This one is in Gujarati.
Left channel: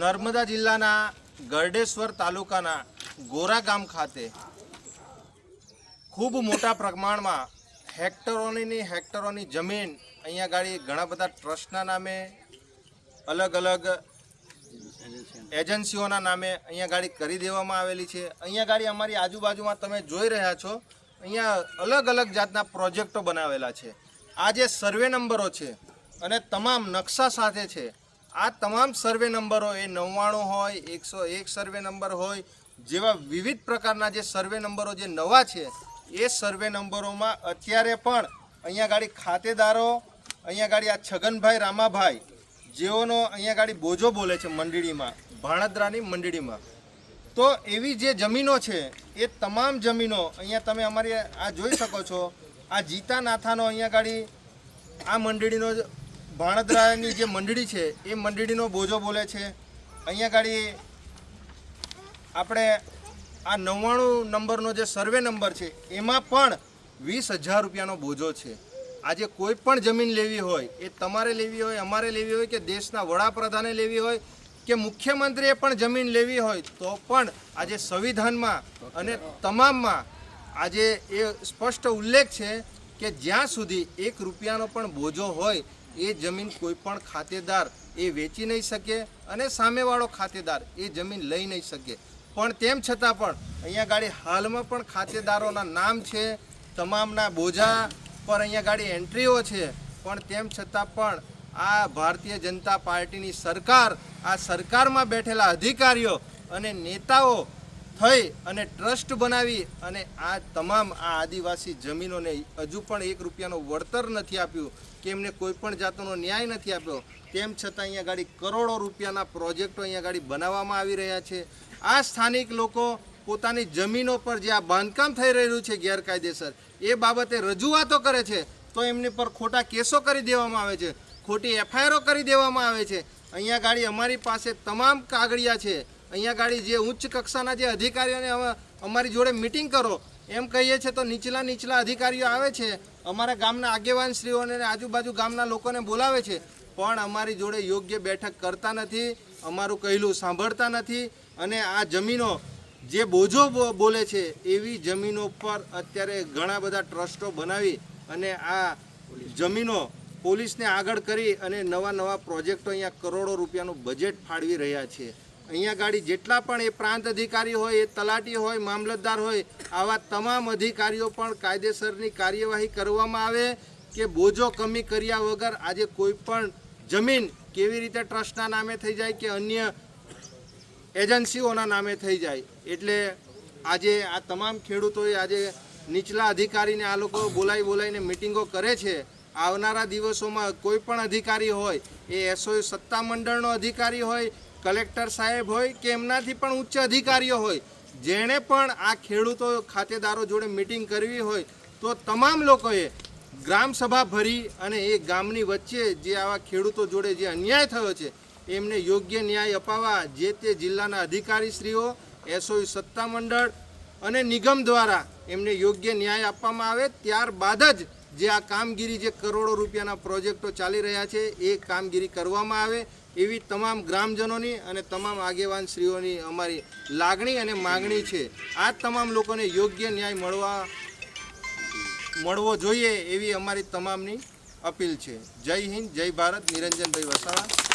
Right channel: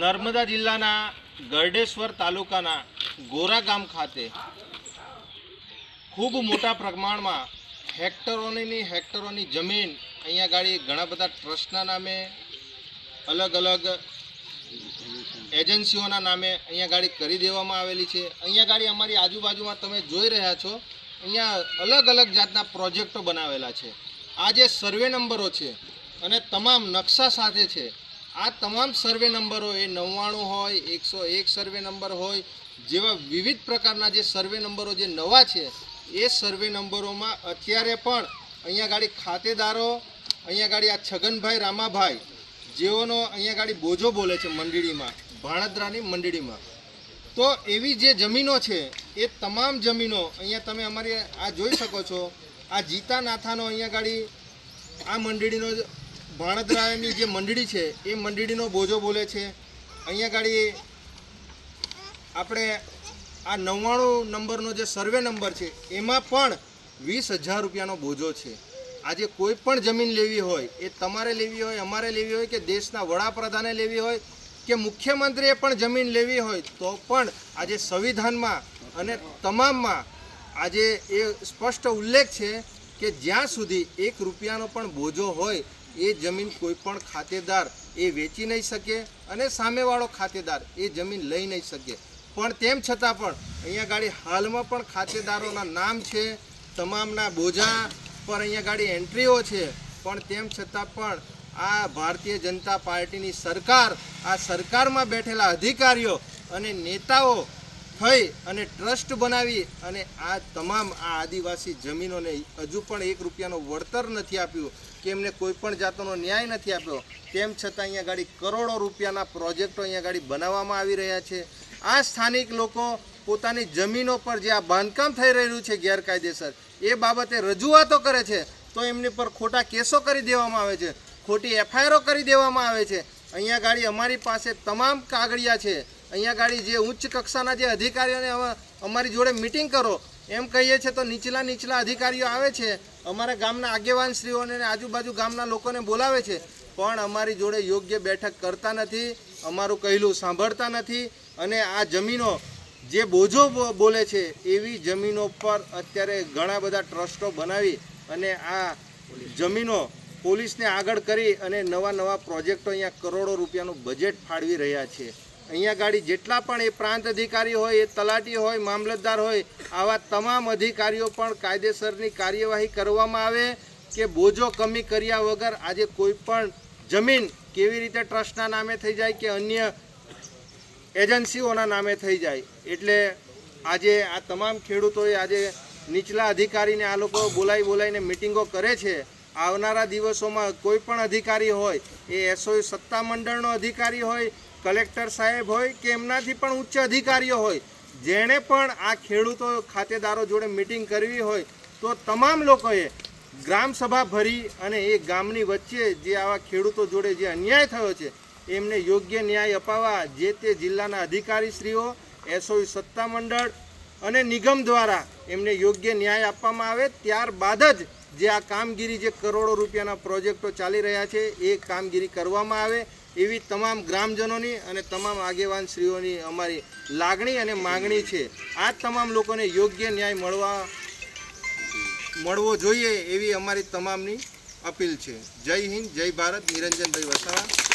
નર્મદા જિલ્લાના ગરડેશ્વર તાલુકાના ગોરા ગામ ખાતે ખૂબ મોટા પ્રમાણમાં હેક્ટરોની જમીન અહીંયા ગાડી ઘણા બધા ટ્રસ્ટના નામે અલગ અલગ એજન્સીઓના નામે અહીંયા ગાડી કરી દેવામાં આવેલી છે। અહીંયા ગાડી અમારી આજુબાજુમાં તમે જોઈ રહ્યા છો, અહીંયા અલગ અલગ જાતના પ્રોજેક્ટો બનાવેલા છે। આ જે સર્વે નંબરો છે અને તમામ નકશા સાથે છે, આ તમામ સર્વે નંબરો એ 99 હોય, 101 સર્વે નંબર હોય જેવા વિવિધ પ્રકારના જે સર્વે નંબરો જે નવા છે એ સર્વે નંબરોમાં અત્યારે પણ અહીંયા ગાડી ખાતેદારો અહીંયા ગાડી આ છગનભાઈ રામાભાઈ જેઓનો અહીંયા ગાડી બોજો બોલે છે મંડળીમાં, ભાણદરાની મંડળીમાં। તો એવી જે જમીનો છે એ તમામ જમીનો અહીંયા તમે અમારી આ જોઈ શકો છો। આ જીતા નાથાનો અહીંયા ગાડી આ મંડળીનો ભાણદરાની જે મંડળી છે એ મંડળીનો બોજો બોલે છે। અહીંયા ગાડી આપણે આ 99 નંબરનો જે સર્વે નંબર છે એમાં પણ 20,000 રૂપિયાનો બોજો છે। આજે કોઈ પણ જમીન લેવી હોય, એ તમારે લેવી હોય, અમારે લેવી હોય, કે દેશના વડાપ્રધાને લેવી હોય, કે મુખ્યમંત્રીએ પણ જમીન લેવી હોય, તો પણ આજે સંવિધાનમાં અને તમામમાં આજે એ સ્પષ્ટ ઉલ્લેખ છે કે જ્યાં સુધી 1 રૂપિયાનો પણ બોજો હોય એ જમીન કોઈ પણ ખાતેદાર એ વેચી નહીં શકે અને સામેવાળો ખાતેદાર એ જમીન લઈ નહીં શકે। પણ તેમ છતાં પણ અહીંયા ગાડી હાલમાં પણ ખાતેદારોના નામ છે, તમામના બોજા પર અહીંયા ગાડી એન્ટ્રીઓ છે, પણ તેમ છતાં પણ આ ભારતીય જનતા પાર્ટીની સરકાર, આ સરકારમાં બેઠેલા અધિકારીઓ અને નેતાઓ થઈ અને ટ્રસ્ટ બનાવી અને આ તમામ આ આદિવાસી જમીનોને હજુ પણ 1 રૂપિયાનો વળતર નથી આપ્યું, કે એમને કોઈ પણ જાતનો ન્યાય નથી આપ્યો। તેમ છતાં અહીંયા ગાડી કરોડો રૂપિયાના પ્રોજેક્ટો અહીંયા ગાડી બનાવવામાં આવી રહ્યા છે। આ સ્થાનિક લોકો પોતાની જમીનો પર જે આ બાંધકામ થઈ રહ્યું છે ગેરકાયદેસર, એ બાબતે રજૂઆતો કરે છે તો એમની પર ખોટા કેસો કરી દેવામાં આવે છે, ખોટી એફઆઈઆરો કરી દેવામાં આવે છે। અહીંયા ગાડી અમારી પાસે તમામ કાગળિયા છે। અહીંયા ગાડી જે ઉચ્ચ કક્ષાના જે અધિકારીઓને અમારી જોડે મિટિંગ કરો એમ કહીએ છીએ તો નીચલા અધિકારીઓ આવે છે, અમારા ગામના આગેવાનશ્રીઓને આજુબાજુ ગામના લોકોને બોલાવે છે, પણ અમારી જોડે યોગ્ય બેઠક કરતા નથી, અમારું કહેલું સાંભળતા નથી। અને આ જમીનો જે બોજો બોલે છે એવી જમીનો પર અત્યારે ઘણા બધા ટ્રસ્ટો બનાવી અને આ જમીનો પોલીસને આગળ કરી અને નવા પ્રોજેક્ટો અહીંયા કરોડો રૂપિયાનું બજેટ ફાળવી રહ્યા છે। અહીંયા ગાડી જેટલા પણ એ પ્રાંત અધિકારી હોય, એ તલાટી હોય, મામલતદાર હોય, આવા તમામ અધિકારીઓ પણ કાયદેસરની કાર્યવાહી કરવામાં આવે કે બોજો કમી કર્યા વગર આજે કોઈ પણ જમીન કેવી રીતે ટ્રસ્ટના નામે થઈ જાય કે અન્ય એજન્સીઓના નામે થઈ જાય। એટલે આજે આ તમામ ખેડૂતોએ આજે નીચલા અધિકારીને આ લોકો બોલાવીને મિટિંગો કરે છે। આવનારા દિવસોમાં કોઈ પણ અધિકારી હોય, એ એસઓયુ સત્તા મંડળનો અધિકારી હોય, કલેક્ટર સાહેબ હોય કે એમનાથી પણ ઉચ્ચ અધિકારીઓ હોય, જેણે પણ આ ખેડૂતો ખાતેદારો જોડે મિટિંગ કરવી હોય તો તમામ લોકોએ ગ્રામસભા ભરી અને એ ગામની વચ્ચે જે આવા ખેડૂતો જોડે જે અન્યાય થયો છે એમને યોગ્ય ન્યાય અપાવવા જે તે જિલ્લાના અધિકારીશ્રીઓ, એસઓયુ સત્તા મંડળ અને નિગમ દ્વારા એમને યોગ્ય ન્યાય આપવામાં આવે। ત્યારબાદ જ જે આ કામગીરી, જે કરોડો રૂપિયાના પ્રોજેક્ટો ચાલી રહ્યા છે એ કામગીરી કરવામાં આવે એવી તમામ ગ્રામજનોની અને તમામ આગેવાનશ્રીઓની અમારી લાગણી અને માગણી છે। આ તમામ લોકોને યોગ્ય ન્યાય મળવો જોઈએ એવી અમારી તમામની અપીલ છે। જય હિન્દ, જય ભારત। નિરંજનભાઈ વસાવા।